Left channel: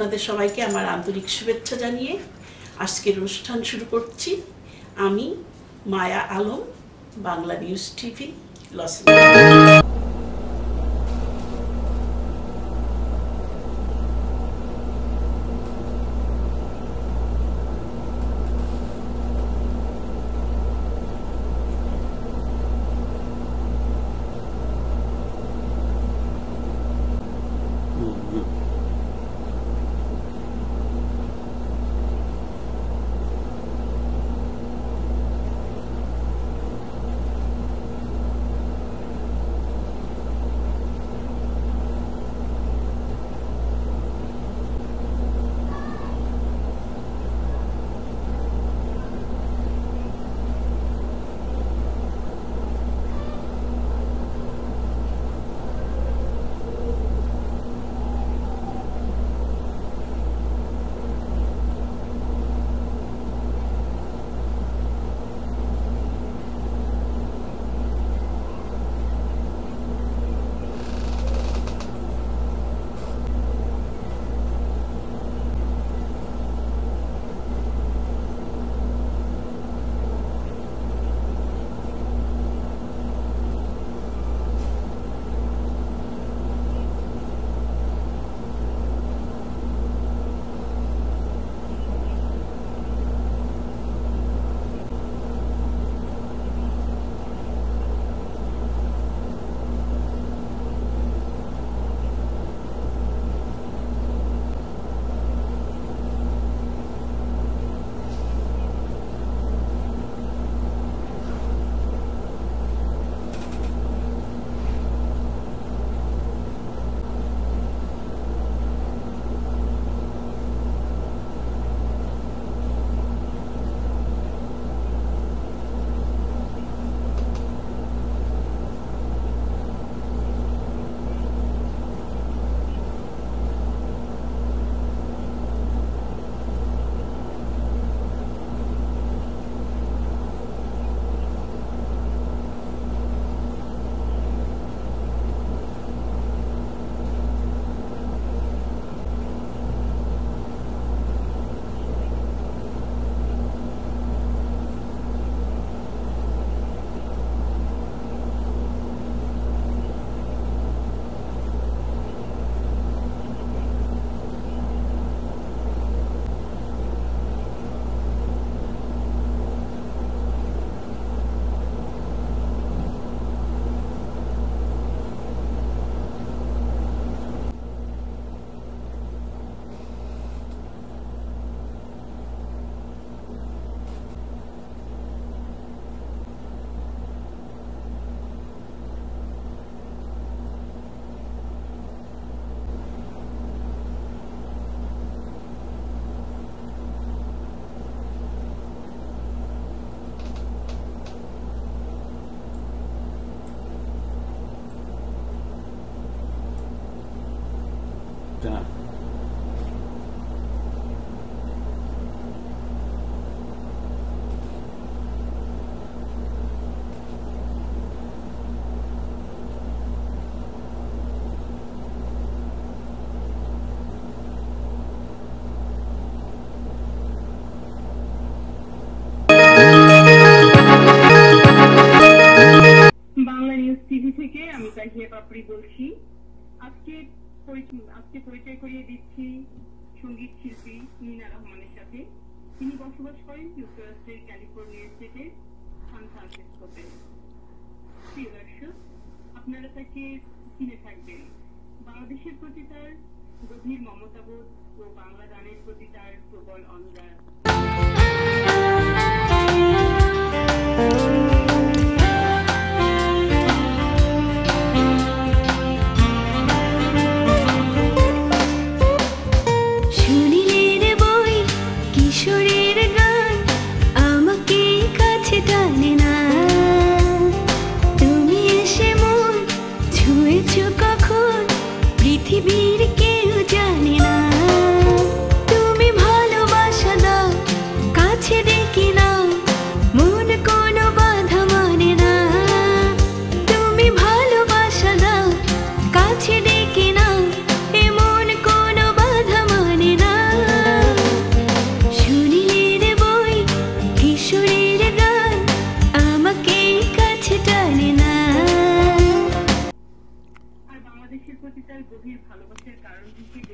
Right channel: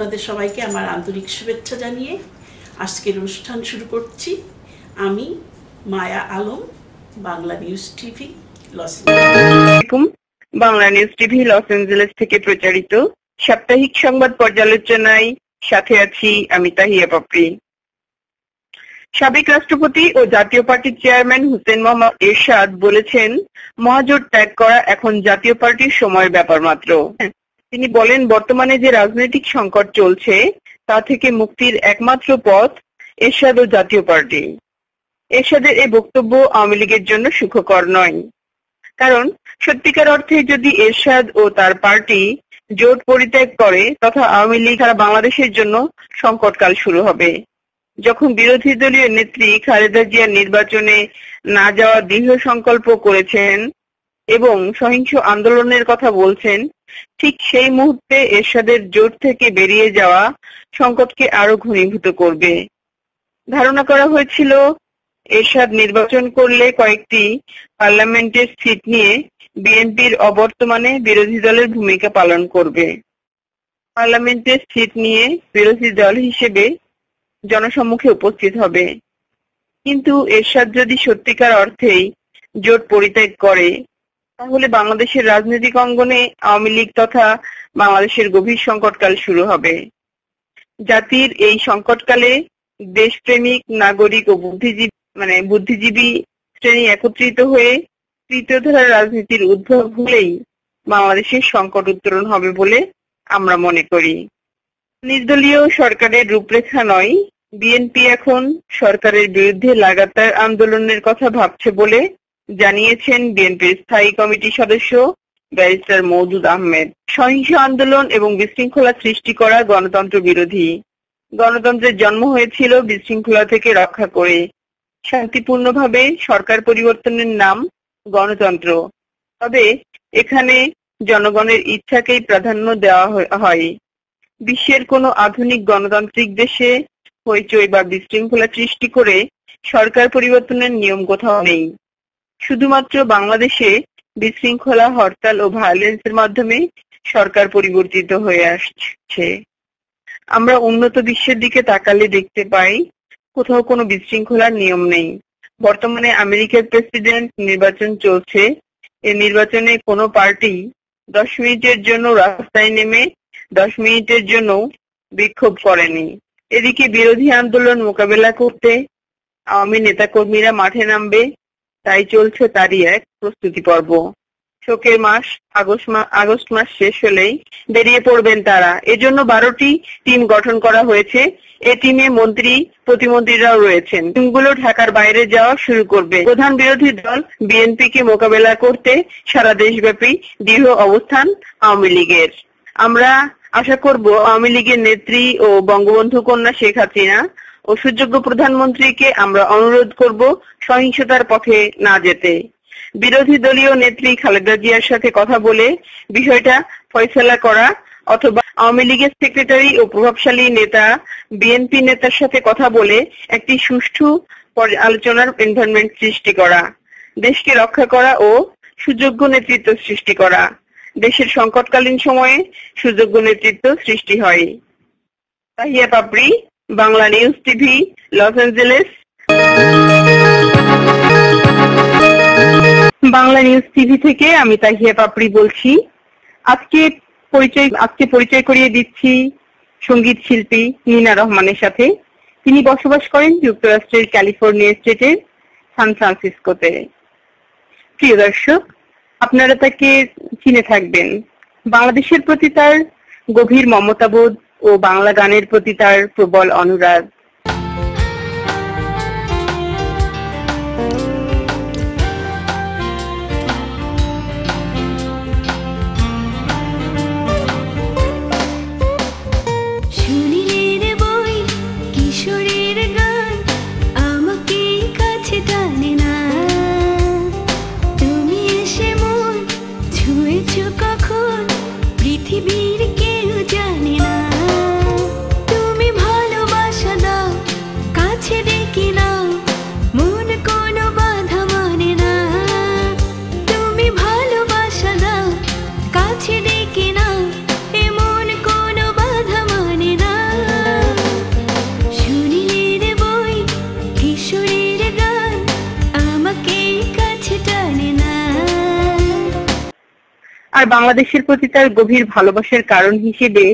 আপনাদের সবাইকে আমার আন্তরিক শুভেচ্ছা জানিয়ে আজকের অনুষ্ঠান শুরু করছি। আমি Maya Alam, Bangla news TV Los Angeles. Bangla news TV Los Angeles থেকে প্রচারিত সাপ্তাহিক সংবাদ পর্যালোচনায় সাথে আছি আমি তাহিয়া পাপড়ি। সাবেক রাষ্ট্রপতি ও জাতীয় পার্টির চেয়ারম্যান হোসেন মোহাম্মদ এরশাদ বলেছেন, মহাজোট ত্যাগ করা এখন জাতীয় পার্টির সময়ের ব্যাপার মাত্র। তিনি বলেন, বর্তমানে যে রাজনৈতিক সংকট চলছে তা থেকে মুক্তির একমাত্র পথ এরশাদ ও জাতীয় পার্টি। এরশাদের এই বক্তব্য আওয়ামী লীগের জন্য সুখকর নয়, কারণ সত্যিকার অর্থে যদি এরশাদ ও তার পার্টি জোট পরিত্যাগ করে তথা আওয়ামী লীগ সারা বাংলাদেশের জন্য সংকটকাল শুরু হবে। যখন বিরোধী দলীয় নেত্রী খালেদা জিয়া নির্বাচনে না যাওয়ার দৃঢ় সংকল্প করেছেন এবং সহিংস আন্দোলনের কথা বলছেন, ঠিক সেই মুহূর্তে এরশাদের জোট থেকে বেরিয়ে যাওয়া সংকটকে আরো ঘনীভূত করবে। ধারণা করা হয়েছিল এরশাদ নির্বাচন করলে কয়েকটি পার্লামেন্টের সিট নিয়ে বিএনপির অবর্তমানে বিরোধী দলের ভূমিকা পালন করবে। পার্লামেন্টের সিট নিয়ে বিরোধী দল হিসেবে জনসম্মুখে উপস্থিত হবে। কিন্তু এরশাদ যদি সত্যিকার অর্থেই জোট পরিত্যাগ করে তাহলে বাংলাদেশের রাজনৈতিক অঙ্গনে আওয়ামী লীগ তথা বাংলাদেশের গভীর সংকটকাল শুরু হবে। জাতির এই সংকটকালে দেশপ্রেমিক নাগরিক ও বুদ্ধিজীবী শ্রেণী একত্রিত হয়ে তৃতীয় ধারার রাজনীতির উদ্ভব হলেই বাংলাদেশের সংকট উত্তরণ হবে বলে আমরা মনে করি। নির্দলীয় সরকারের রূপরেখা নয়, বিএনপি এখন সরকারের বিরুদ্ধে লাগাতার আন্দোলনের কথা ভাবছে বলে জানিয়েছেন বিএনপির স্থায়ী কমিটির সদস্য ব্যারিস্টার মওদুদ আহমেদ। সহিংস আন্দোলন এবং বিশৃঙ্খলা সৃষ্টি করা গণতন্ত্র বিরোধী। গণতন্ত্রের জন্ম হয়েছিল বিশৃঙ্খলা থেকে রক্ষা করে। শান্তিপূর্ণভাবে সরকার পরিবর্তনের নাম গণতন্ত্র। তবে এখানে জনগণের ইচ্ছাকেই প্রাধান্য দেওয়া হয়। বিশ্বের কোনো আধুনিক গণতান্ত্রিক দেশে হইচই বা বিশৃঙ্খলা সৃষ্টি করে সরকার পরিবর্তনের নিয়ম কোথাও নেই। শুধুমাত্র বাংলাদেশে বিশৃঙ্খলা, হরতাল ও ভায়োলেন্সের মাধ্যমে সরকার পরিবর্তিত হয়ে আসছে। আমরা উন্নত বিশ্বের দিকে তাকালে দেখতে পাই কোথাও কোনো বিশৃঙ্খলার নিয়ম নেই। বর্তমানে আমেরিকার প্রেসিডেন্ট নির্বাচন চলছে। এই নির্বাচনে কোনো পার্টি 10 মিনিটের জন্য রাস্তায় নেমে 10 মিনিটের জন্য বিক্ষোভ করেনি। এদিকে বিরোধী আন্দোলন মোকাবেলা করতে আওয়ামী নেতাকর্মীরা মাঠে নামবে, তাই চলছে তারই এক প্রস্তুতি পর্ব। শোকের মাস আগস্ট মাস শেষ হলেই বেরিয়ে পড়বেন তারা। এজন্য 12টি টিম গঠন করা হয়েছে। এই টিমে মন্ত্রী প্রতিমন্ত্রীরাও রয়েছেন। টিমগুলো ঢাকার বাইরে যাওয়া শুরু করবে। প্রধান বিরোধী দল বিএনপিকে মোকাবেলা করতে সারা দেশব্যাপী দৃঢ় অবস্থান আওয়ামী লীগের। আমরা আশা করব আওয়ামী লীগের নেত্রী ও বঙ্গবন্ধু কন্যা শেখ হাসিনা ও সুযোগ্য প্রধানমন্ত্রীকে আমরা অনুরোধ করব সহিংসতার পথে না যেতে। বিরোধী দলীয় নেত্রী খালেদা জিয়ার সাথে কথা বলে বিষয়টা ফয়সালা করা, অথবা আওয়ামী লীগের সেক্রেটারি ও প্রভাবশালী নেতা বিএনপি নেতার সাথে কথা বলে একটি সুষ্ঠু আলোচনার এনভায়রনমেন্ট সৃষ্টি করা, দেশকে রক্ষা করা ও সুযোগ্য নেতৃত্ব সৃষ্টি করা। দেশের সংকটকালীন সময়ে সুযোগ্য নেতৃত্ব সৃষ্টি হয়। Tahiya Papri, Bangla news TV, Los Angeles. Bangla news TV থেকে আমি তাহিয়া পাপড়ি বলছি। আজকে পরিচয় করিয়ে দিচ্ছি সঙ্গীত শিল্পী নিনা রহমানের সাথে। তিনি বসবাস করেন যুক্তরাষ্ট্রের ক্যালিফোর্নিয়া স্টেটের সান ফ্রান্সিসকোতে। প্রিয় দর্শক, আপনারা তাকে চিনে থাকবেন। বাংলাদেশের প্রতি তার গভীর মমতাবোধ ও বাংলা গানের প্রতি তার প্রবল অনুরাগ। পৃথিবীর কেউ জানে না, তুমি ভালোবাসা দাও, কাছে ডেকে নাও, মন কোনো বাধা মানে না। তুমি ভালোবাসা দাও, কাছে ডেকে নাও, এমন কোনো বাধা মানে আর বাংলাদেশের প্রতি তার গভীর ভালোবাসার কারণ হিসেবে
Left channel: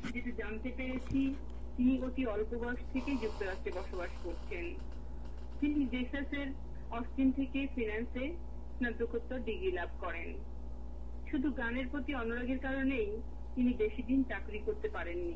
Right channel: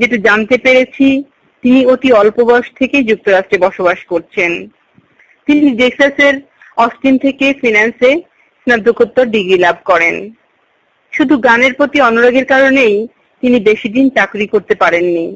যেটা জানতে পেরেছি, তিনি অতি অল্প বয়স থেকে যুক্তরাষ্ট্রে বসবাস করছেন। তিনি টেক্সাসের অস্টিন থেকে ফিন্যান্সে স্নাতকোত্তর ডিগ্রি লাভ করেন। শুধু গানের প্রতি অনুরাগের কারণেই তিনি বেশি দিন চাকরি করতে পারেননি।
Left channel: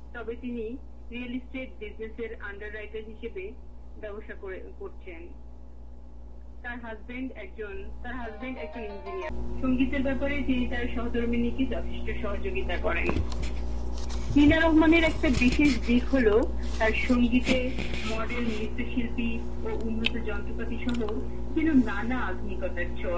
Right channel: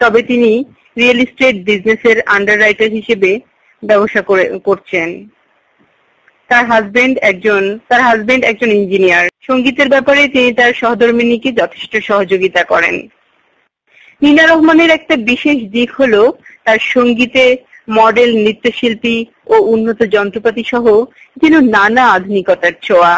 তবে তিনি রিয়েল এস্টেট বিজনেসের আন্ডাররাইটার হিসেবে ব্যবসা করছেন। তার হাজবেন্ড একজন ইঞ্জিনিয়ার। সঙ্গীতের ব্যাপারে তিনি তার সহধর্মিণীকে যথেষ্ট সহযোগিতা করেন। নীনা রহমানের একটা বিশেষ দিক হলো তার সঙ্গীতে মডেল, নৃত্যশিল্পী ও উন্নত যন্ত্রপাতি সহ যেন নানা আধুনিকতার ছোঁয়া।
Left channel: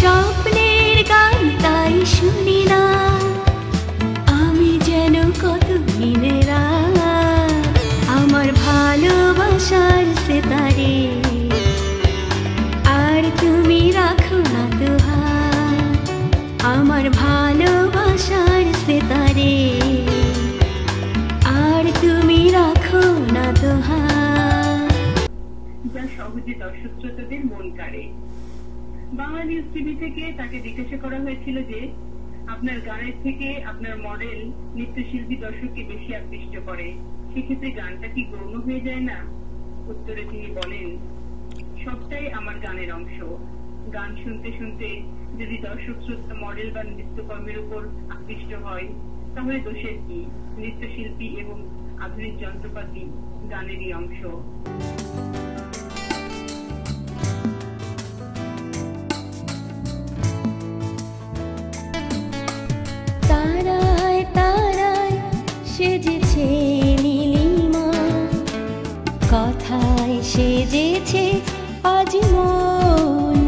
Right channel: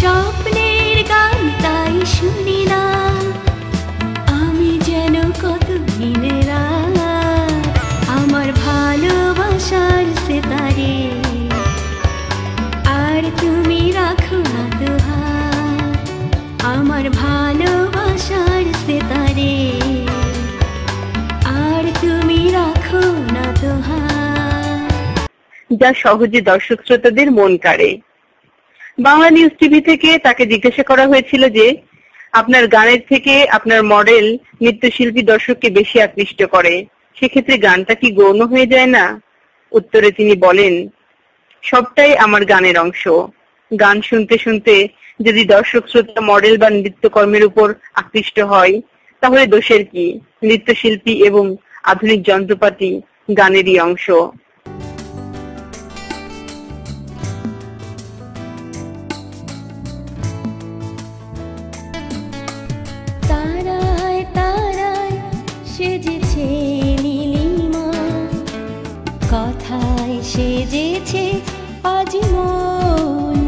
স্বপ্নের গান তাই শুনি না আমি যেন কত দিনে রাত, আমার ভালোবাসার সেতারে আর তুমি রাখো না তো হাত, আমার ভালোবাসার সেতারে আর তুমি রাখো না তো হাত। যা সহজে দর্শক শ্রোতাদের মন কাড়ে। বাংলা নিউজ টিভি থেকে তাকে জিজ্ঞাসা করা হয়েছিল যে আপনার গানের থেকে আপনার মডেল, নৃত্যশিল্পী দর্শককে বেশি আকৃষ্ট করে, সেক্ষেত্রে গানটা কি গৌণ হয়ে যায় না? উত্তরে তিনি বলেন, সবটাই আমার গানের অংশ। গান শুনতে শুনতে যদি দর্শক শ্রোতা মডেল বা নৃত্যকর্মের উপর আকৃষ্ট হয় তাহলে দোষের কি? নৃত্যশিল্পী এবং আধুনিক যন্ত্রপাতি গানেরই অংশ। তারায় তারায় সেজেছে নীলিমা, কথায় সেজেছে আজ মন।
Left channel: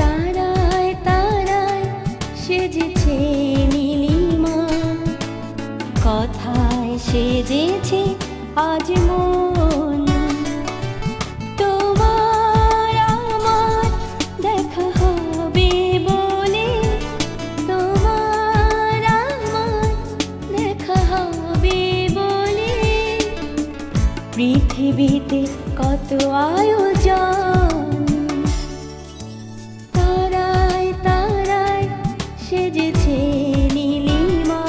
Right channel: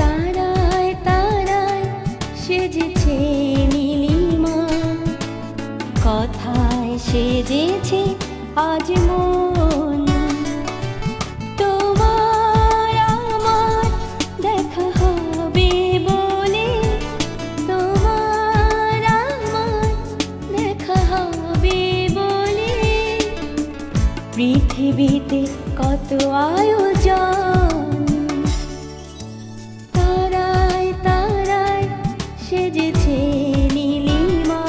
তারায় তারায় সেজেছে নীলিমা, কথায় সেজেছে আজ মন। তোমার আমার দেখা হবে বলে, তোমার আমার দেখা হবে বলে, পৃথিবীতে কত আয়োজন। তারায় তারায় সেজেছে নীলিমা,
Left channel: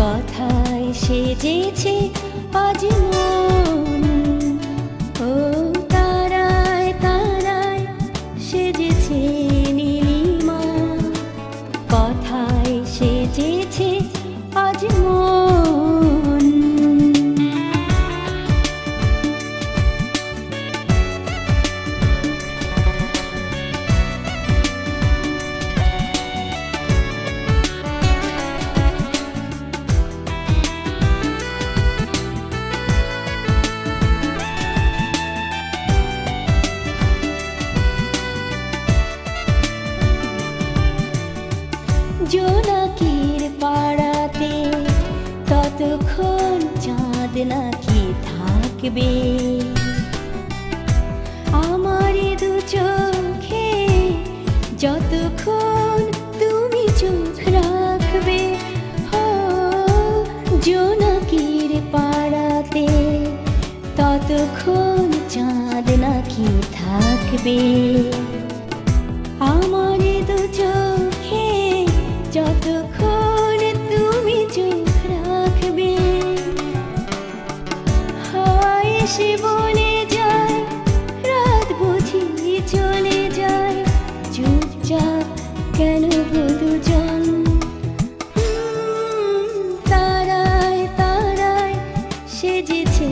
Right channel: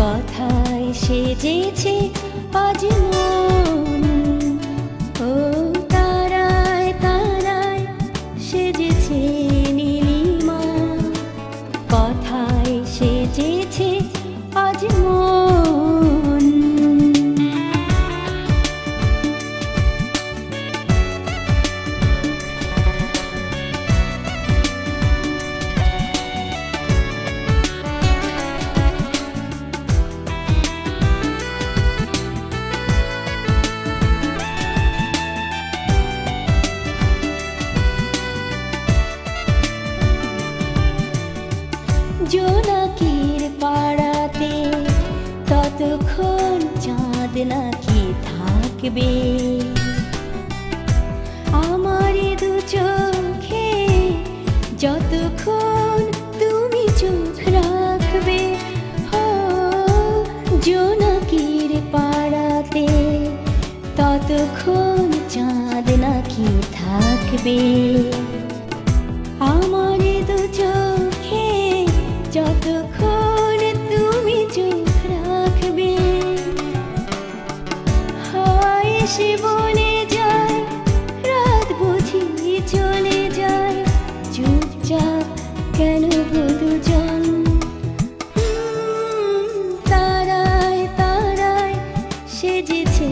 কথায় সেজেছে আজ মন। ও তারায় তারায় সেজেছে নীলিমা। জোনাকির পাড়াতে ততক্ষণ চাঁদ নাকি থাকবে আমার দু চোখে যতক্ষণ তুমি চোখ রাখবে জোনাকির পাড়াতে ততক্ষণ চাঁদ নাকি থাকবে আমার দু চোখে যতক্ষণ তুমি চোখ রাখবে হাওয়ায় এসে বনে যায় রাত বুঝি চলে যায় চুপচাপ কেন গো দুজন তারায় তারায় সেজেছে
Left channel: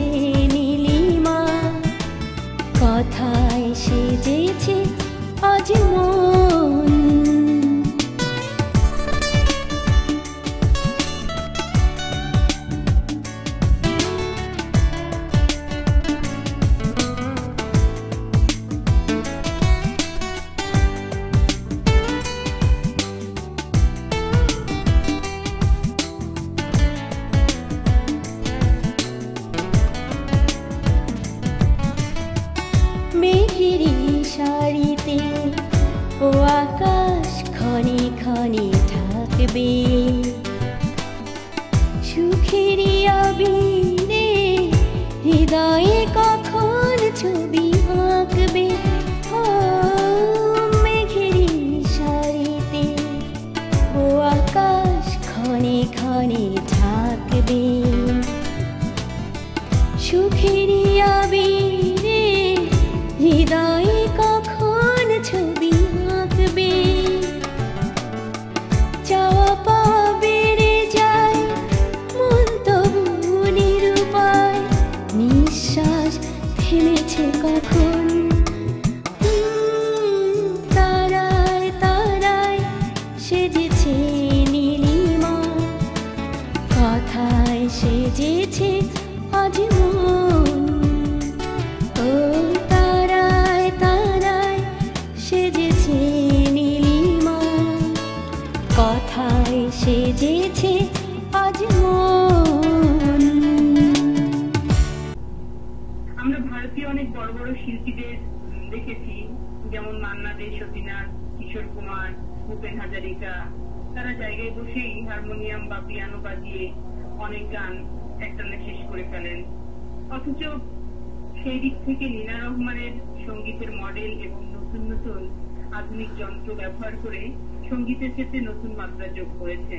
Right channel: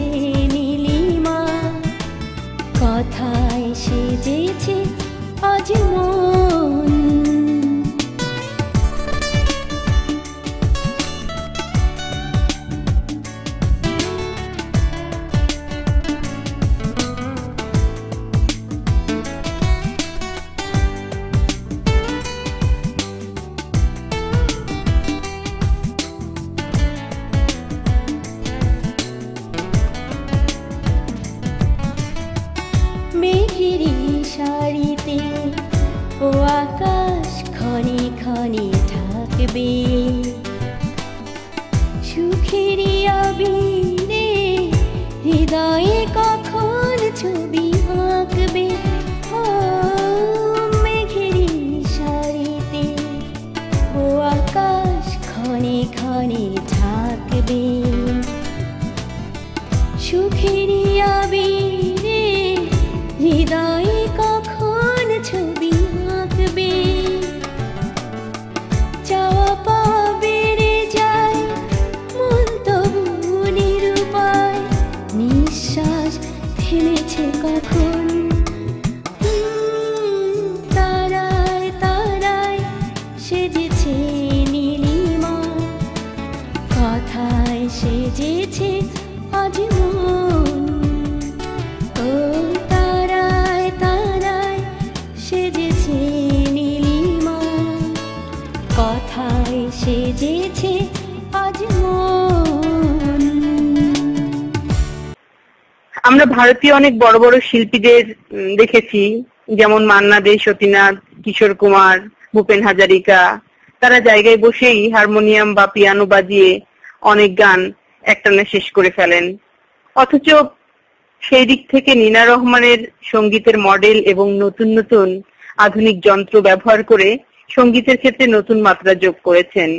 নীলিমা কথায় সেজেছে আজ মন মেঘেরি শাড়িতে ও আকাশ ক্ষণে ক্ষণে ঢাকবে সুখেরই আবিরে হৃদয়ে কখন ছবি আঁকবে মেঘেরি শাড়িতে ও আকাশ ক্ষণে ক্ষণে ঢাকবে সুখেরই আবিরে হৃদয়ে কখন ছবি আঁকবে চাওয়া পাওয়া বেড়ে যায় মন তবু নিরুপায় নিঃশ্বাস থেমেছে কখন তারায় তারায় সেজেছে নীলিমা কথায় সেজেছে আজ মন ও তারায় তারায় সেজেছে নীলিমা কথায় সেজেছে আজ মন আমরা ভারতীয় অনেক বড় বড় শিল্পীদের দেখেছি, যেমন মান্না দে, সতীনাথ, কিশোর কুমার, ভূপেন হাজারিকা। তারা জায়গায় বসেই হারমোনিয়াম বা পিয়ানো বাজিয়ে অনেক গান একটানা শেষ করে ফেলেন। অথচ সেই দিক থেকে নীনা রহমানের সঙ্গীতের মডেল এবং নতুন নতুন আধুনিক যন্ত্র ব্যবহার করে সঙ্গীতের ক্ষেত্রে নতুন মাত্রা যোগ করেছেন।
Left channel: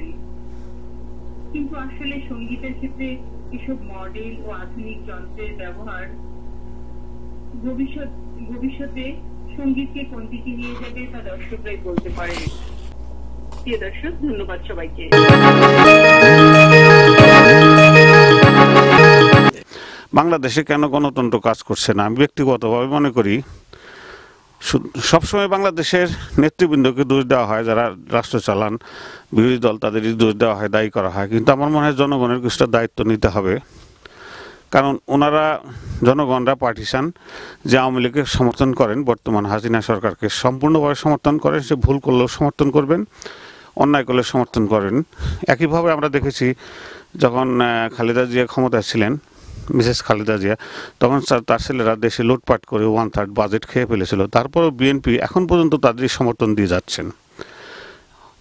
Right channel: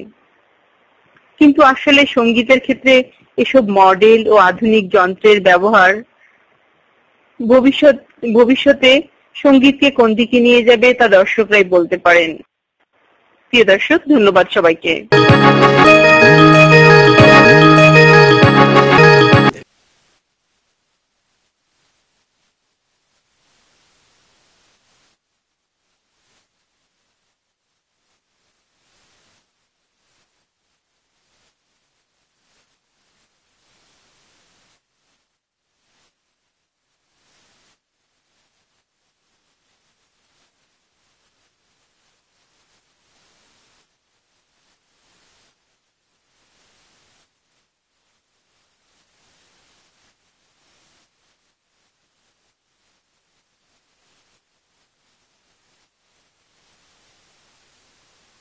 কিন্তু আসলে সঙ্গীতের ক্ষেত্রে এসব মডেল ও আধুনিক যন্ত্রের ব্যবহার ভবিষ্যতে সঙ্গীতকে কোন দিকে নিয়ে যাবে তা দর্শকরাই বলতে পারেন। প্রিয় দর্শক, ধন্যবাদ সবাইকে। বাংলাদেশে কেন গণতন্ত্র কাজ করছে না, আমি ব্যক্তিগতভাবে মনে করি সবসময় বাংলাদেশের নেতৃবৃন্দকে দোষ দেওয়া হয়, যারা রাষ্ট্র চালান, বিরোধী দল, তাদেরই দোষ দেওয়া হয়, দায়ী করা হয়। কিন্তু আমার মনে হয় জনগণের কিছুটা দায়িত্ব নিতে হবে, কারণ ওনারা জনগণরা পার্টিসান যে আওয়ামী লীগকে সমর্থন করেন, বর্তমান হাসিনা সরকারকে সম্পূর্ণভাবে সমর্থন করেন। সে ভুল করলেও সমর্থন করবেন, অন্যায় করলে সমর্থন করেন। একইভাবে আমরা দেখেছি যখন খালেদা জিয়া ক্ষমতায় ছিলেন, মিসেস খালেদা জিয়া, তখন তার ছেলেরা দেশে লুটপাট করে 1/3 বাজেট খেয়ে ফেলেছিল। তারপরও বিএনপি এখন পর্যন্ত তাদেরই সমর্থন দিয়ে যাচ্ছেন।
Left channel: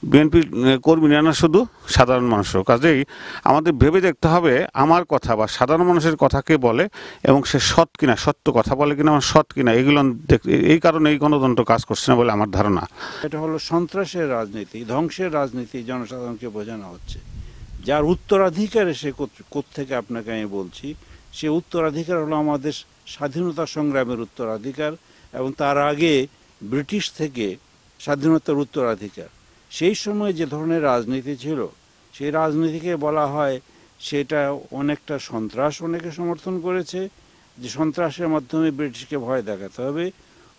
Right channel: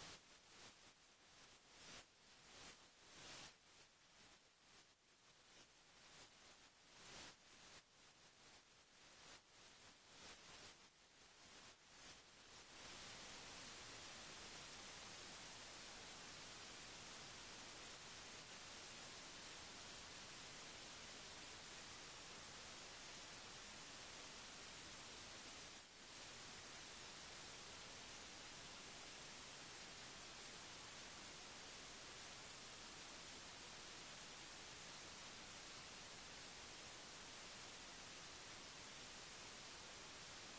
বিএনপি কর্মী না শুধু সাধারণ মানুষও। কাজেই আমাদের ভেবে দেখতে হবে আমার কথা বা সাধারণ মানুষের কথা কে বলে এবং সে সৎ কিনা, সত্য কথা বলে কিনা, আমার সৎ কিনা, এগুলো এই কারণে এই গণতন্ত্র কাজ করছে না বলে আমার ধারণা। এটা হলো সন্ত্রাসের রাজনীতি, ধ্বংসের রাজনীতি জনসাধারণকে বোঝানো হচ্ছে। যার উত্তরাধিকার সে কোত্থেকে আপনাকে আমি বলছি, সে উত্তরাধিকার হলো আমাদের স্বাধীনতা সংগ্রামের উত্তরাধিকার এবং তার আগে ব্রিটিশ থেকে স্বাধীনতার উত্তরাধিকার। সেই সময় যে ধরনের রাজনীতি ছিল, সেই রাজনীতিকে বলা হয় সেটা অনেকটা সন্ত্রাস। অনেকে সমর্থন করেছে যে সন্ত্রাসের মাধ্যমে ব্রিটিশকে ভয় দেখাতে হবে।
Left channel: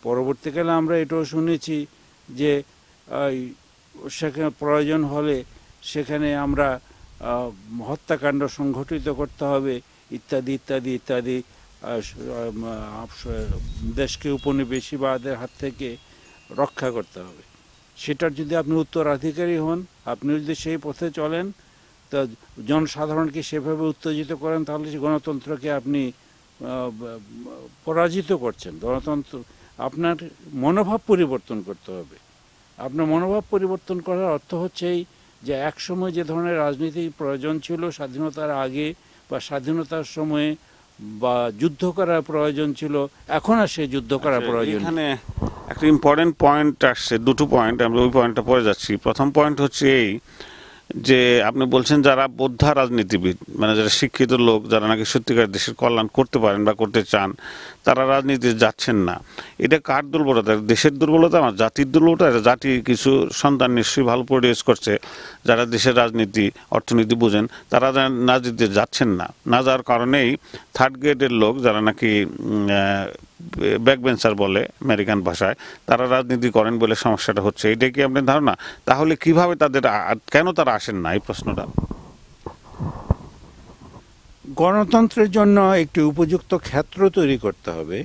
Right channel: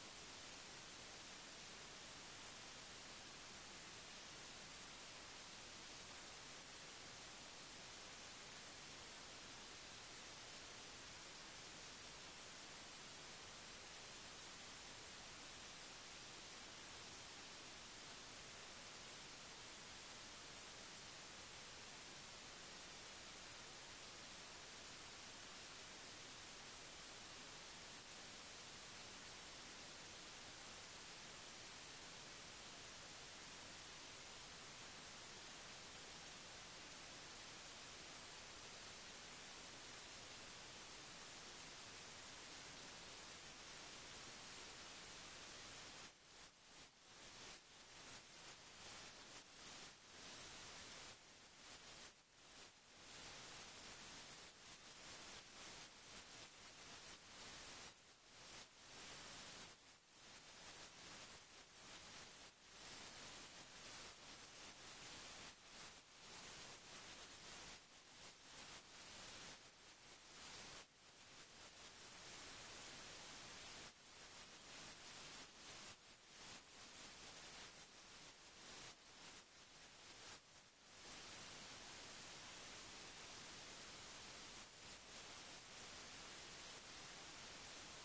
পরবর্তীকালে আমরা এটাও শুনেছি যে সেখানে প্রয়োজন হলে সেখানে আমরা হত্যাকাণ্ড সংঘটিত করতে হবে ইত্যাদি ইত্যাদি ইত্যাদি, দেশকে উপনিবেশিবাদের হাত থেকে রক্ষা করতে হবে। সেটার যদি আপনি উত্তরাধিকারী হন, আপনি যদি সেই পথে চলেন, তা জনসাধারণকে সেভাবে উত্তেজিত করেন, তাহলে সেই গণতন্ত্রকে আপনি পরাজিত করছেন। গণতন্ত্র, আপনার মনোভাব পরিবর্তন করতে হবে। আপনার মনোভাব পরিবর্তন করার অর্থ হচ্ছেই যে একসময় যে ধরনের রাজনীতির প্রয়োজন ছিল স্বাধীনতার আগে বা স্বাধীনতার সময়ে, বা যুদ্ধ করার প্রয়োজন ছিল, এখন আর সেই যুদ্ধ করার প্রয়োজন নেই। এখানে একটা ইম্পর্টেন্ট পয়েন্ট আসছে, দুটো পয়েন্ট, আমরা ওই পয়েন্টটা পরে যাচ্ছি। প্রথম পয়েন্ট হচ্ছে এই যে আপনি বলছেন যারা বোদ্ধা রাজনীতিবিদ, মানে যারা শিক্ষিত লোক, যারা নাকি সত্যিকার দেশের কল্যাণ করতে পারেন বা করতে চান, তারা রাজনীতিতে যাচ্ছেন না। এটা কার দুর্বলতা? দেশের দুর্বলতা, আমার জাতির দুর্বলতা। জাতি কিছু সন্তান নিশ্চয়ই ভালো প্রডিউস করছে, যারা দেশের রাজনীতি অর্থনীতি বুঝেন, তারা রাজনীতিতে যাচ্ছেন না। না যাওয়ার কারণেই থার্ড গ্রেডের লোক, যারা নাকি ব্যাকবেঞ্চার বলে আমেরিকান ভাষায়, তারা রাজনীতি করেন বলে সমস্যাটা হচ্ছে। এটা কি আপনার ধারণা? তাহলে কিভাবে তাদের, কেন তারা আসেন না, এই প্রশ্নটা। গণতন্ত্রের জন্য একটি উপযুক্ত ক্ষেত্র তৈরি করতে হবে,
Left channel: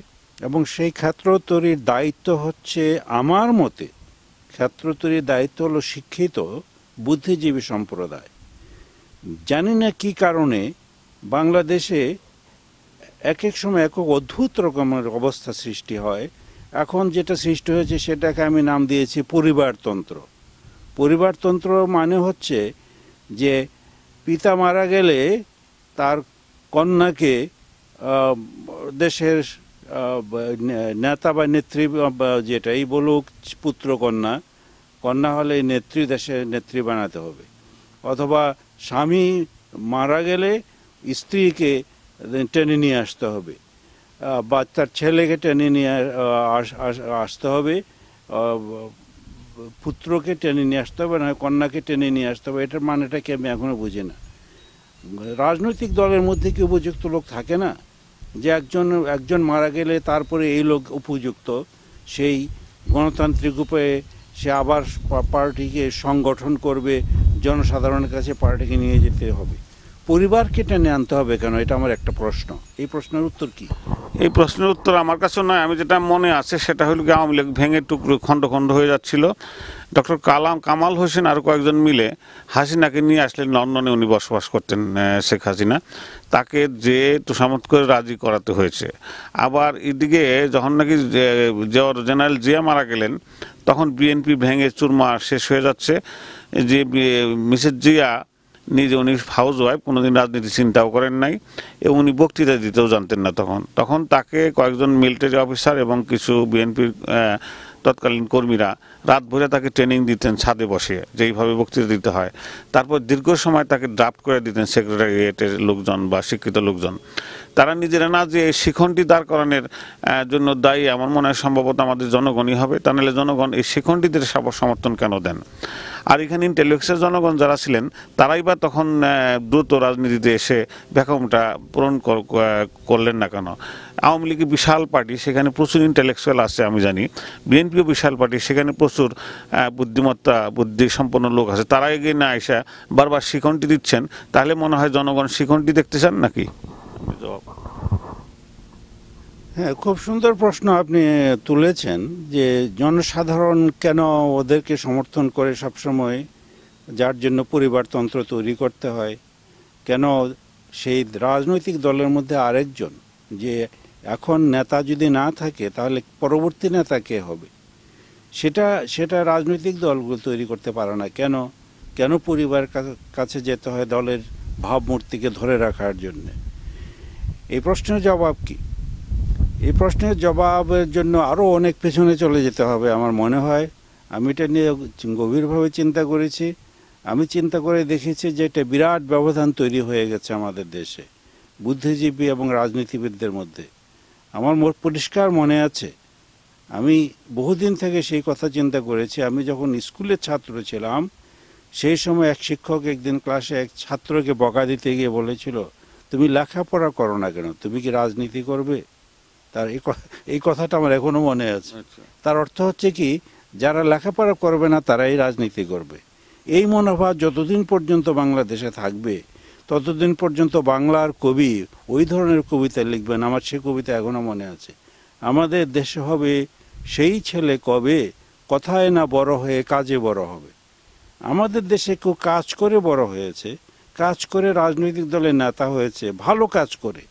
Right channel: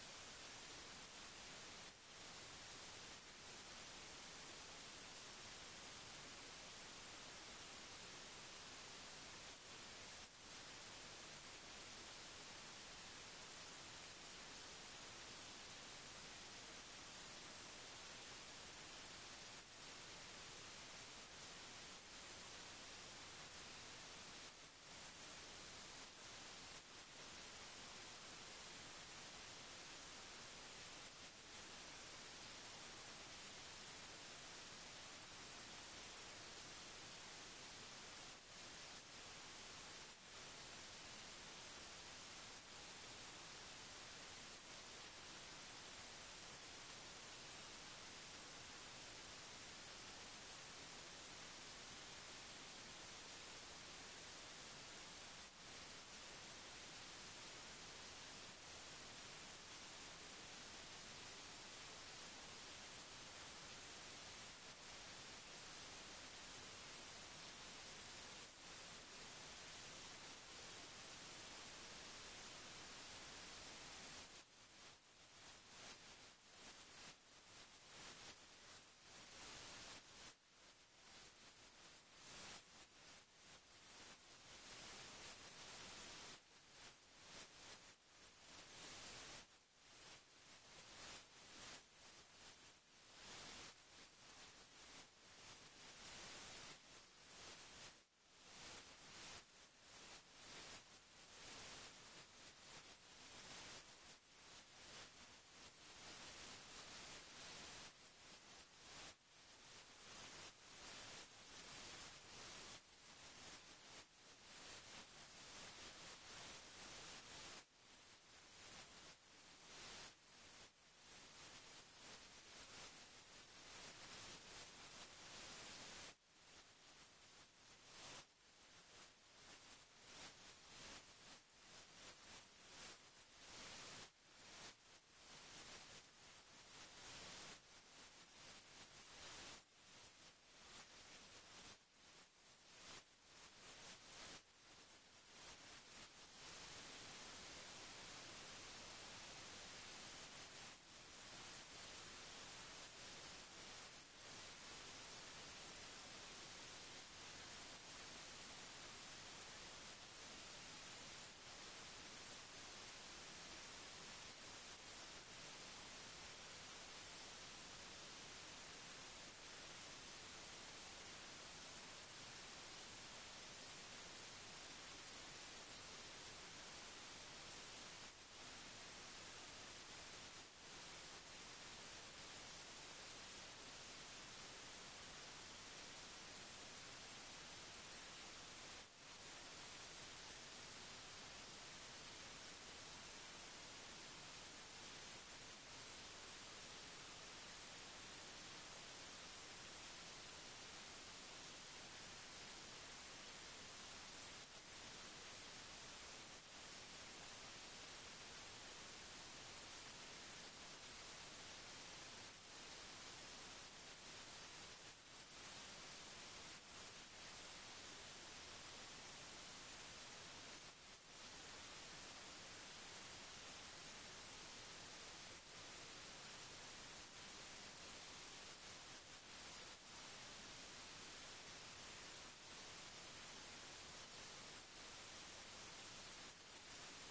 এবং সেই ক্ষেত্র তৈরির দায়িত্ব হচ্ছে, আমার মতে ক্ষেত্র তৈরির দায়িত্ব হলো শিক্ষিত বুদ্ধিজীবী সম্প্রদায়। জানি না কি কারণে বাংলাদেশে এক এক সময় এক অদ্ভুত রকমের অবস্থা সৃষ্টি হয়। এখন যেটা সৃষ্টি হয়েছে সেটাকে আমি নাম দিয়েছি পরিবারতন্ত্র। পরিবারতন্ত্র মানে হচ্ছে যে পিতা মারা গেলে তার কন্যাকে দেশের নেতা বা নেত্রী, যেটাই বলুক, পুত্র কন্যা, কন্যা হলে নেত্রী, দেশের নেত্রী বানাতে হবে। অথবা স্বামী মারা গেলে স্ত্রীকে টেনে নিয়ে আসতে হবে, বা তার ছেলেকে টেনে নিয়ে আসতে হবে, পুত্রকে টেনে নিয়ে আসতে হবে, না কন্যাকে টেনে নিয়ে আসতে হবে। এটার মানেটা কি আমি এখনো বুঝি না। রাজনৈতিক দলের মধ্যে কি উপযুক্ত লোক থাকে না, যে একজন মারা গেলে তারপরে এই লোক উপযুক্ত, সেই গণতান্ত্রিক উপায়ে সে আবার পার্টিকে সংগঠন করবে, জনসাধারণের কাছে পার্টিকে নিয়ে যেতে হবে। পরিবারকে টেনে আনতে হবে কেন? এটা আমার একটা প্রশ্ন। এই প্রশ্নের উত্তর কি? এই প্রশ্নের উত্তর আমার কাছে নয়, আমি যেটা মনে আছে সেটা হলো কি, আওয়ামী লীগ ভেঙে টুকরো খণ্ড খণ্ড হয়ে যাচ্ছিল। ডক্টর কামাল হোসেন আর কয়েকজন মিলে হাসিনাকে নিয়ে আসলেন লন্ডনে, উনি বসবাস করতেন, শেখ হাসিনা, তাকে যে তোষামত করে রাজি করাতে হয়েছে। আবার এদিকে যখন নাকি জেনারেল জিয়া মারা গেলেন, তখন বিএনপি ভেঙে চুরমার শেষ হয়ে যাচ্ছে। যে মিসেস জিয়া নিজে, উনি হাউস ওয়াইফ, কোনোদিন রাজনীতি চিন্তাও করেন নাই, এবং উনি বক্তৃতা দিতেও জানতেন না। তখন তাকে কয়েকজন মিলিটারি অফিসার এবং কিছু বিএনপির তৎকালীন কর্মীরা রাত ভরে তাকে ট্রেনিং দিতেন ছাদে বসে, যেইভাবে বক্তৃতা দিতে হয়। তারপর দীর্ঘ সময় তাকে ড্রাফট করে দিতেন সেক্রেটারিয়েটের লোকজন বা শিক্ষিত লোকজন। তারা নিজেরা না যে শিখনটি দাঁড় করানোর জন্য দায়ী, আমার মনে হয় সম্ভবত আমাদের জনগণই হবে। তা নাহলে জনগণ এই শিখনটিদের সমর্থন কেন দেন? আর এখানে ইন্টেলেকচুয়াল জনগণ যারা ছিলেন, তারাই বা তখন দ্রুত রাজনীতিতে এসে ভ্যাকুয়ামটা পূরণ করলেন না কেন? আওয়ামী লীগ বিশাল পার্টি, সেখানে প্রচুর ইন্টেলেকচুয়াল আছে, আমি জানি। বিএনপিও বিশাল পার্টি, সেখানে প্রচুর বুদ্ধিমত্তা, বুদ্ধি সম্পন্ন লোক আছে। তারা এগিয়ে না এসে বারবার শিখনটি দিচ্ছেন, তাহলে মনে হয় জনগণ শিখনটি দেখতে চান নাকি? হ্যাঁ, খুব সুন্দর প্রশ্ন আপনি তুলেছেন, যে জনসাধারণ কেন ওদেরকে সমর্থন করে সবসময়, যার জন্য পরিবারতন্ত্র তৈরি করতে হয়। কেন সেই রাজনৈতিক দলের মধ্যে আরেকজন, যে এখন নেতা যদি না থাকে তাহলে পরবর্তী নেতা কে হবে, সেটা রাজনৈতিক দলগুলো তৈরি করতে পারে না। কেন পরিবারের কাছে যেতে হয় দলের ভাবমূর্তিকে ধরে রাখার জন্য? এই প্রশ্নের জবাব কি? এই প্রশ্নের জবাবের জন্য আরও অনেক পেছনে চলে যেতে হবে আমার মনে হয়। আমি এটা নিয়ে গভীরভাবে চিন্তা করেছি। আমি চিন্তা করে দেখেছি যে এটা বিরাট ব্যবধান তৈরি হয়ে গেছে আমাদের দেশে বুদ্ধিজীবী এবং রাজনীতিবিদদের মধ্যে। আমার পরিষ্কার মনে আছে, আমি বহুদিন থেকে সেই কথা চিন্তা করেছি। আমি যখন স্কুলের ছাত্র ছিলাম, সেই সময় এক শিক্ষক একদিন ক্লাসে এক ছাত্রকে বকা দিতে গিয়ে বলেছিল, তুমি লেখাপড়া করো না কেন, তুমি কি রাজনীতি করবে? তার এই কথাটা আমার এখনো মনে আছে। তার অর্থ হচ্ছে কি, যারা লেখাপড়া করবে না তারাই রাজনীতি করবে। এই মনোভাব যতদিন পর্যন্ত বাংলাদেশে থাকবে, ততদিন পর্যন্ত বাংলার কবি ওই ধরনের কবিতা লিখবেন। আমার সে কবিতা এখনো মনে আছে, আমাদের দেশে হবে সেই ছেলে কবে, কথায় না বড় হয়ে কাজে বড় হবে। আমাদের দেশে কেউ কাজ করে বড় হয়েছে, কাজ করে রাজনৈতিক দলের নেতা হয়েছে, ভালো কাজ করে,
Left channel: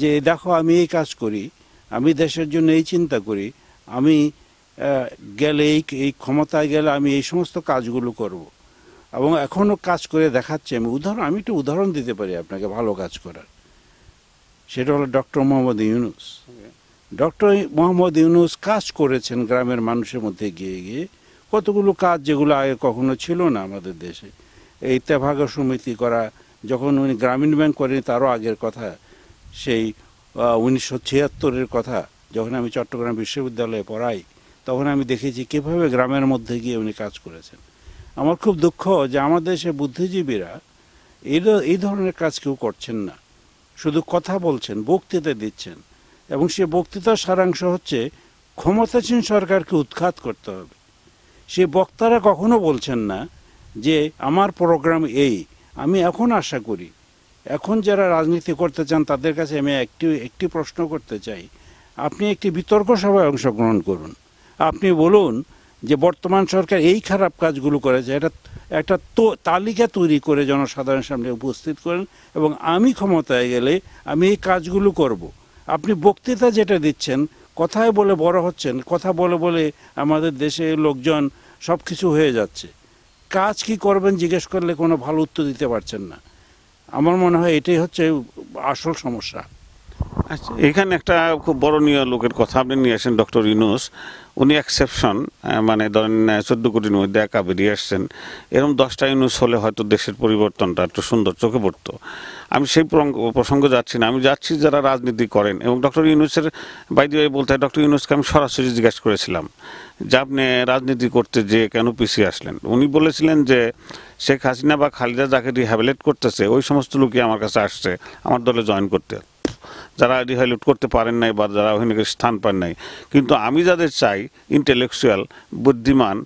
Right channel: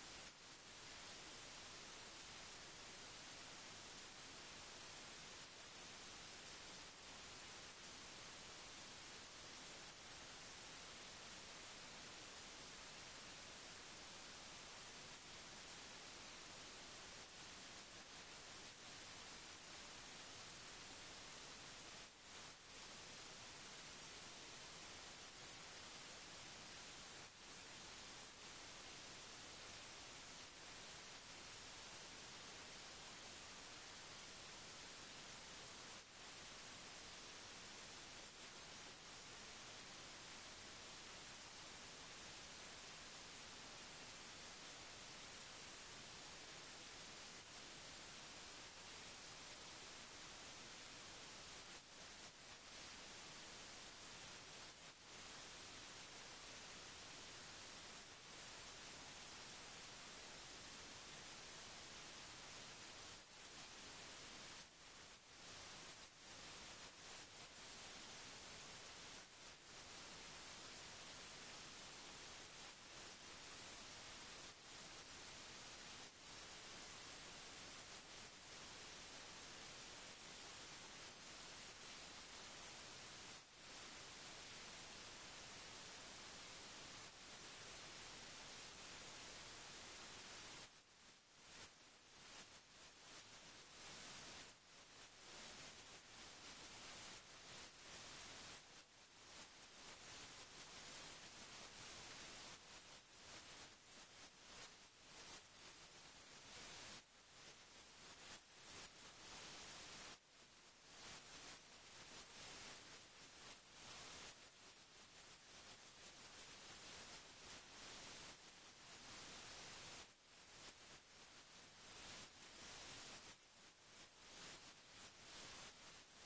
যে দেখো আমি এই কাজ করি, আমি দেশের জন্য এই চিন্তা করি, আমি গেলে এই ক্ষমতায় গেলে আমি এই সমস্ত কাজগুলো করব, এবং এখনও কাজ করে দেখাচ্ছে। আমি একটু উদাহরণ দিতে পারি আপনাকে ভালো কাজ করার। সেটা হলো ডক্টর মোহাম্মদ ইউনূস। ডক্টর মোহাম্মদ ইউনূস কাজ করেছেন গ্রামের মানুষের মধ্যে গিয়ে গিয়ে, কতগুলো কাজ যেগুলো আগে কখনো ছিল না আমাদের দেশে। এই তেভাগা সমিতি করা, যখন উনি গ্রামীণ ব্যাংক করেন তারও আগের কথা, সেই 1976-এর কথা, যখন আমি চট্টগ্রাম বিশ্ববিদ্যালয়ে পড়াই, তখন আমি দেখেছি কীভাবে গ্রামের মধ্যে গিয়ে উনি কাজ করেছেন। আমার খুব দুঃখ যে আমাদের দেশে বুদ্ধিজীবীরা এই ধরনের কাজ কেউ করছেন না, শুধু কথা বলছেন, বক্তৃতা দিচ্ছেন, এবং সে বক্তৃতার সারাংশ হচ্ছে ক্ষমতাসীন সরকারকে উৎখাত করতে হবে। সে বক্তারা কখনো বলছেন না যে আমার প্রোগ্রাম এই। আমি এখন আশা করি, এখন যারা রাজনীতি করতে চান তাদের কাছে আমি একটি প্রশ্ন করতে চাই, আপনি একটি বিতর্ক সভায় অংশগ্রহণ করুন, আপনি বলুন যে বর্তমান সরকার এই খারাপ কাজগুলো করেছে, একটা তালিকা তৈরি করে জনসাধারণের সামনে উপস্থিত করেন, এবং আমি ক্ষমতায় গেলে আমি এই কাজগুলো করব। আপনি বক্তৃতা যেটা দিচ্ছেন, কথায় বলে বড় হচ্ছেন, কথা বলে বলে আমাদের দেশে লোকজন সব কিছু হয়ে যাচ্ছে, কাজ কি করবেন জিজ্ঞেস করলে কোনো ভালো উত্তর দিতে পারছেন না। আমার মনে হয় এটাই হচ্ছে আসল সমস্যা। আচ্ছা, এখানে একটা খুব বড়নীয় লোকের কথা আপনি নিয়ে আসেন, ডক্টর ইউনূস। উনি এক্সেপশন, মানে ধরেন 14 কোটির মধ্যে একা বেরিয়ে আসছেন। এরকম 10টা ইউনূস হলে হয়তো দেশের পরিবর্তনটা একটু সুন্দর চোখে পড়তো। আমি সেই প্রসঙ্গে যাচ্ছি না, আমি যাচ্ছি যারা রাজনীতি করেন। এবং ডক্টর ইউনূসের বাইরে বলতে হয়, ডক্টর ইউনূসকে আমি সরাসরি জিজ্ঞাসা করেছিলাম যে আপনি রাজনীতি করতে যে কেন পিছিয়ে আসলেন। উনি বলেছিলেন যে শেখ হাসিনা বা খালেদা যাকে রিহ্যাবিলিট করতেছে ওই সমস্ত লোকই আমার কাছে আসছে আমার দলে জয়েন করতে, যারা রিহ্যাবিলিট করতে পারেন নাই বা যারা ওখানে স্থান পান নাই। কিন্তু আমি যাদের চাই ইন্টেলেকচুয়াল, বুদ্ধিমান,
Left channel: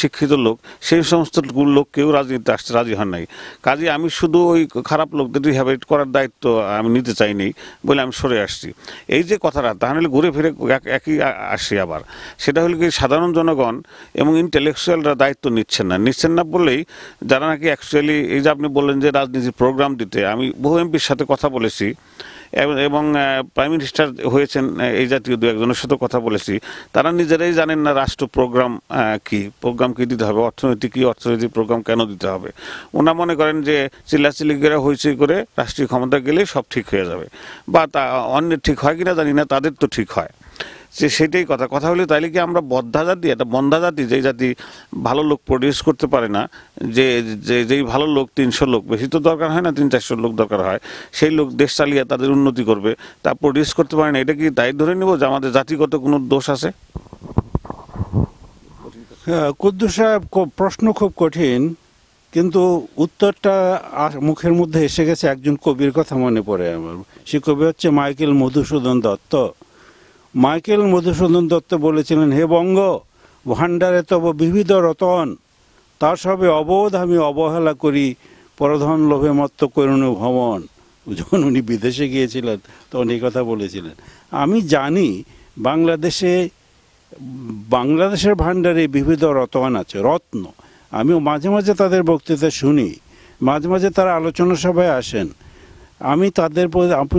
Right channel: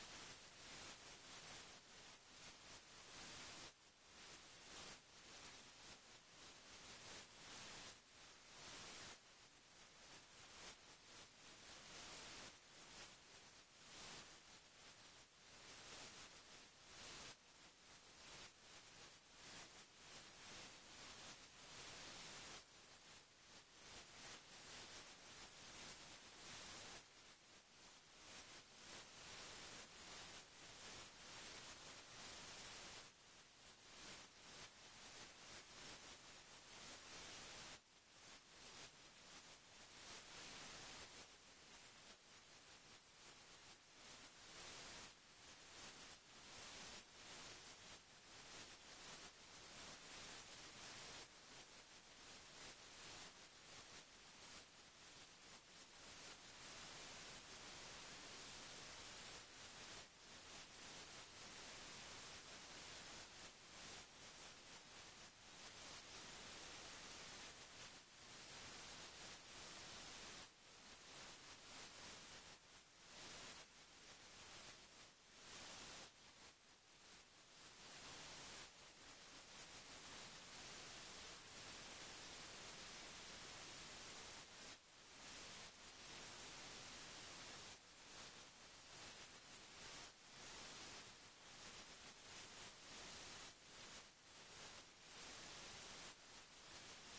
শিক্ষিত লোক, সেই সমস্ত লোক কেউ রাজনীতিতে আসতে রাজি হন নাই। কাজে আমি শুধু ওই খারাপ লোকদের রিহ্যাবিলিট করার দায়িত্ব আমি নিতে চাইনি বলে আমি সরে আসছি। এই যে কথাটা, তাহলে ঘুরে ফিরে একই আসি আবার। সেটা হলো কি, সাধারণ জনগণ এবং ইন্টেলেকচুয়ালরা দায়িত্ব নিচ্ছেন না বললেই, যারা নাকি অ্যাকচুয়ালি, এই যে আপনি বললেন যে রাজনীতির প্রোগ্রাম দিতে, আমি বহু এমপির সাথে কথা বলেছি এবং প্রাইম মিনিস্টার হয়েছেন এই জাতীয় দু একজনের সাথে কথা বলেছি। তারা নিজেরাই জানেন না রাষ্ট্র প্রোগ্রাম কি দিতে হবে, অর্থনৈতিক প্রোগ্রাম কেন দিতে হবে। ওনা মনে করেন যে চিল্লাচিল্লি করে হইচই করে রাষ্ট্রীয় ক্ষমতা গেলেই সব ঠিক হয়ে যাবে, বা তা অন্যের ঠিক হয় কিনা জানি না, তাদের তো ঠিক হয়। যে সেটাই কথা হলে, তাইলে কি আমরা বদ্ধা জাতি, একটা বন্ধা জাতি, যেই জাতি ভালো লোক প্রডিউস করতে পারে না, যেই ভালো লোক 300 লোক, বেশি তো দরকার হয় না, 300-400 লোক দরকার হয়, সেই লোক দেশ চালিয়ে তাদের উন্নতি করবে, তা প্রডিউস করতে পারে না, এটা কি তাই ধরে নেব যে আমাদের জাতিগত কোনো দোষ আছে? কুদ্দুস সাহেব, প্রশ্ন খুব কঠিন, কিন্তু উত্তরটা মুখের মধ্যে এসে গেছে। একজন কবির কথা মনে পড়ে আমার, সে কবি হচ্ছে মাইকেল মধুসূদন দত্ত। মাইকেল মধুসূদন দত্ত বলেছিলেন, হে বঙ্গ, ভাণ্ডারে তব বিবিধ রতন, তার সবে অবোধ আমি অবহেলা করি, পরধন লোভে মত্ত করুণ ভ্রমণ। যখন উনি বিদেশে গিয়েছিলেন তখন এই কথা বলেছিলেন। আমি জানি বাংলাদেশের ভাণ্ডারে বিবিধ রতন আছে, রত্ন। আমিও মাঝে মাঝে তাদের বক্তৃতা শুনি, মাঝে মাঝে তারা আলোচনা সভায় আসেন। আমি তাদের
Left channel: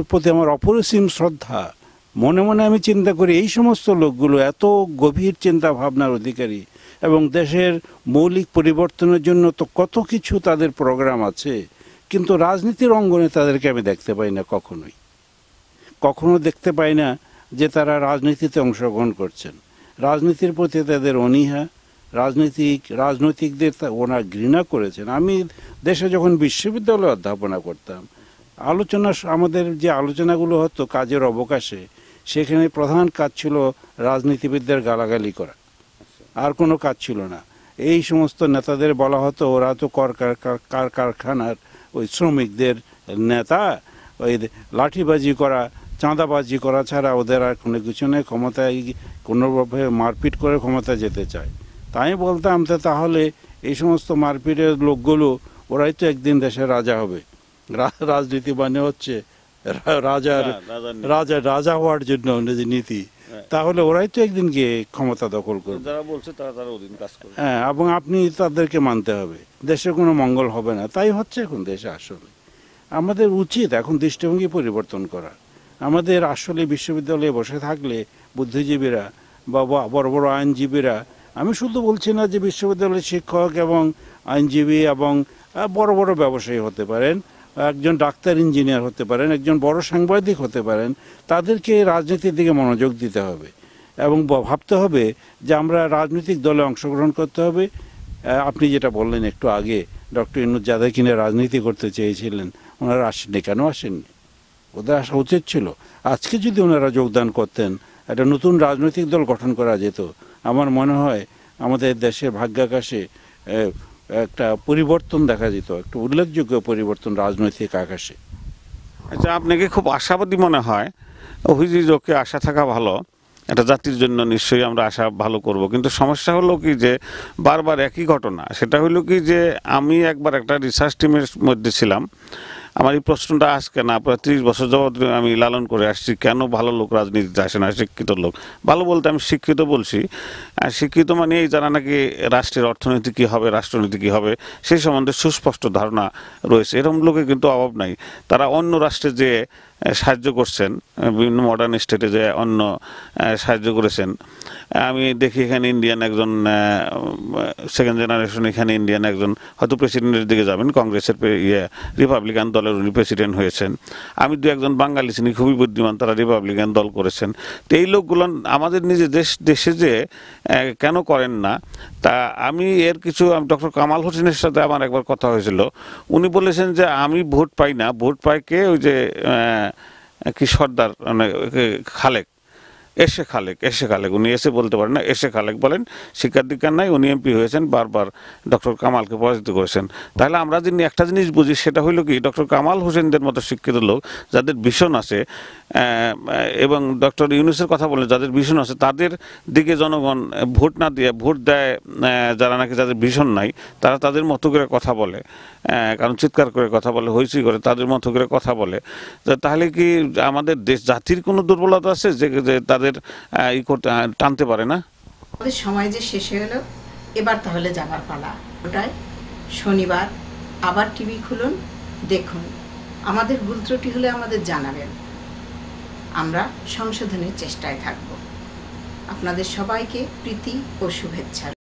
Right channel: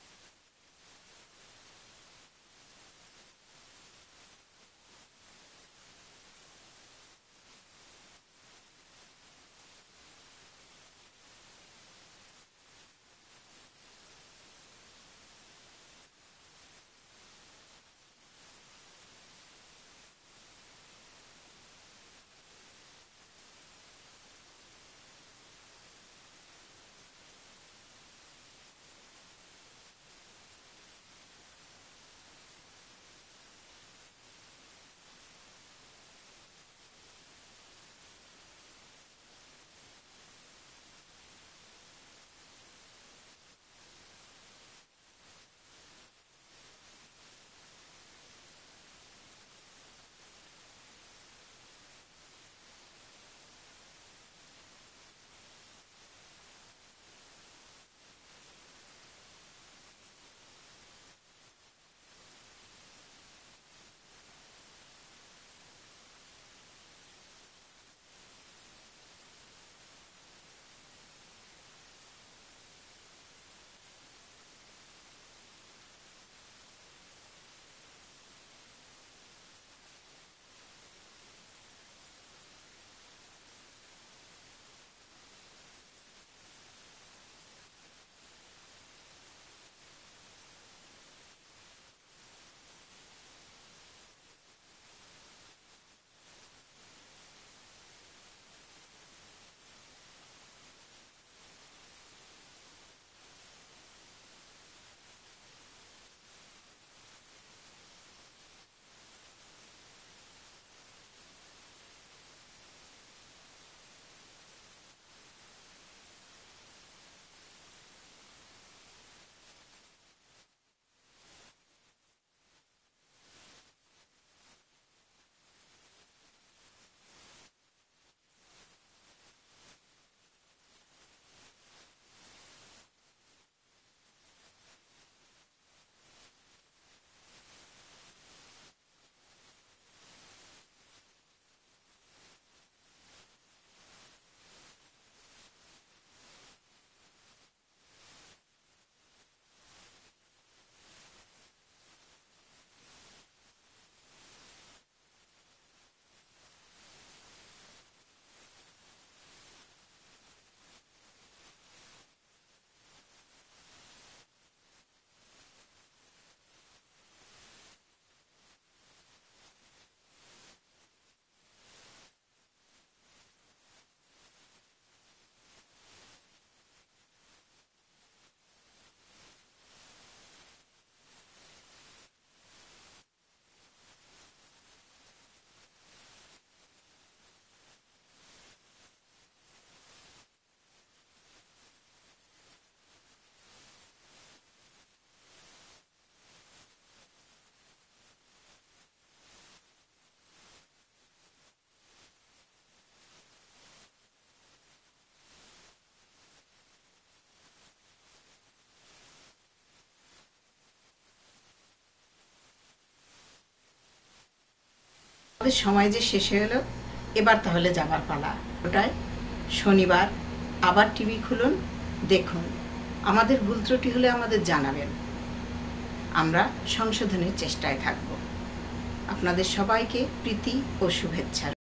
প্রতি আমার অপরিসীম শ্রদ্ধা। মনে মনে আমি চিন্তা করি, এই সমস্ত লোকগুলো এত গভীর চিন্তা ভাবনার অধিকারী, এবং দেশের মৌলিক পরিবর্তনের জন্য তো কত কিছু তাদের প্রোগ্রাম আছে, কিন্তু রাজনীতির অঙ্গনে তাদেরকে আমি দেখতে পাই না, কখনো দেখতে পাই না যে তারা রাজনীতিতে অংশগ্রহণ করছেন। রাজনীতির প্রতি তাদের অনীহা, রাজনৈতিকদের ওনারা ঘৃণা করেছেন। আমি দেশে যখন বিশ্ববিদ্যালয়ে অধ্যাপনা করতাম, আমাদের যে আলোচনাগুলো হতো কাজের অবকাশে, সেখানে প্রধান কাজ ছিল রাজনীতিবিদদের গালাগালি করা, আর কোনো কাজ ছিল না। এই সমস্ত নেতাদের বলা হতো ওরা তো কারখানার ওই শ্রমিকদের নেতা, ওই লাঠিবাজি করা, চাঁদাবাজি করা ছাড়া ওদের আর কোনো কিছু নেই, ক্ষমতায় কোনোভাবে মারপিট করে ক্ষমতা যেতে চায়। তাই বলতাম, তাহলে এই সমস্ত মারপিটের লোকগুলো ওরাই তো একদিন দেশের রাজা হবে। রাজনীতি মানে হচ্ছে রাজা হওয়ার জন্য নীতি, তাহলে ওরাই তো একদিন গিয়ে ক্ষমতা দখল করবে। যারা বলছে তারা অধীন কাজ করে। হ্যাঁ, এবং আপনি তাদেরকে মানতে হবে, দেশের কোনো মঙ্গল হবে না। তাই হচ্ছে এখন দেশে। আসলে আমাদের উচিত এখন দৃষ্টিভঙ্গি পরিবর্তন করা। আমাদের আসলে বিশ্ববিদ্যালয়ে বসে থাকলে বুদ্ধিজীবীরা বা বড় বড় আইনজীবীরা, আমি শুধু বলছি না যে বিশ্ববিদ্যালয়ের শিক্ষক এবং আইনজীবী এবং বড় বড় ব্যবসায়ী হতে পারেন, একজন ডাক্তার ইঞ্জিনিয়ার হতে পারেন, একজন বড় সাংবাদিক হতে পারেন, তাদেরকে রাজনীতির দিকে মনোযোগ দিতে হবে এবং ভাবতে হবে যে আমরা রাজনৈতিক দলে অংশগ্রহণ করতে হবে। আপনি যেটা বললেন একটু আগে, ডক্টর ইউনূস যাদের কিনে রাজনীতি করতে চেয়েছিলেন, ওনারা আসেননি। কেন আসেননি? ওদের আসা উচিত ছিল। আজকে যদি ওনারা যোগদান করতেন, একটা নতুন রাজনৈতিক দল গঠন করা যেত। আমার মনে হয় আমাদের দেশের ভাগ্যাকাশে একটা পরিবর্তন দেখা যেত, একটা উল্লেখযোগ্য পরিবর্তন রাজনৈতিক আকাশে। আচ্ছা, আপনাকে খুব আশাবাদী মনে হয়? অভিযোগকে আশা থাকা ভালো, একটা জাতির জন্য নিশ্চয়ই আমরা আশা ভালো করব, কিন্তু সমস্যা হলো কি যে বারবার একই ঘটনা। সেটা হলো কি যে আমি একবার একটা রিসার্চ টিমের মধ্যে ছিলাম। আমার এই প্রশ্নটা আজকে না, প্রায় 30 বছর যাবৎ আমি লালন করে আসছি, কেন ভালো লোক রাজনীতিতে আসে না, শিক্ষিত লোক। ভালো বলতে আমি শিক্ষিত বলছি, শিক্ষিত মানে এই যারা নাকি রাষ্ট্রের অর্থনীতি কী হবে, রাষ্ট্রনীতি কী হবে সেই সম্বন্ধে সুস্পষ্ট ধারণা রয়েছে, এরকম লোকের কিন্তু অভাব নাই। তারা অন্য রাষ্ট্রে যে সাহায্য করছেন, বিভিন্ন মডার্ন স্টেটে যে অন্য সাহায্য করেছেন। আমি দেখি এখানে ইন্ডিয়ান একজন সেকেন্ড জেনারেশন, এখানে ইন্ডিয়ান একজন হয়তো প্রেসিডেন্টের দিকে যাবেন, কংগ্রেসের রিপাবলিকান দলের উনি প্রেসিডেন্ট হয়েছেন। আমি দু একজন বাঙালি চিনি খুবই বুদ্ধিমান, তারা রিপাবলিকান দল করেছেন। তো এই লোকগুলো আমাদের নিজের দেশে যে কেন করেন না, তা আমি এর কিছু, ডক্টর কামাল হোসেনের সাথে আমার একবার কথা হয়েছিল। উনি বলেছেন যে আমি ভোট পাই না, ভোট পাই কে, ওই যে কি সর্দার, মানে এসে খালেক, উনি এসে বলতে পারেন না, এসে খালেক বলেন, শিক্ষার দীক্ষার নাই, উনি এমপি হয়েছেন, বারবার ডক্টর কামালকে পরাজিত করেছেন। তাহলে আমরা যদি একটা জিনিস বুঝি, সেটা হইল কি, ডক্টর কামাল হোসেনদের মতো শিক্ষিত লোক যাদের ভিশন আছে, এবং ডক্টর ইউনূসের কথা বলে যাদের ভিশন আছে, তাদের দিকে জনগণ ভোট না দিয়ে ভোট দেয় যারা নাকি যাদের ভিশন নাই, তারা তাদের মতো করে কথা বলে, কারণ চিৎকার করে কথা বলে, হইচই করে, তাদের মতো করে কথা বলে। তাহলে কি আমাদের দেশ জাতির কোনো দুর্বলতা আছে যে তাদের টানতে পারে না? আমাদের সময় যে শেষ হয়ে গেল, এবার তাহলে যাবার পালা। ওটাই শনিবার আবার টিভি খুলুন, দেখুন। আমাদের ভুল ত্রুটি হলে আমাদের জানাবেন, আমরা সংশোধনের চেষ্টায় থাকব। আপনাদের সবাইকে প্রীতি ও শুভেচ্ছা।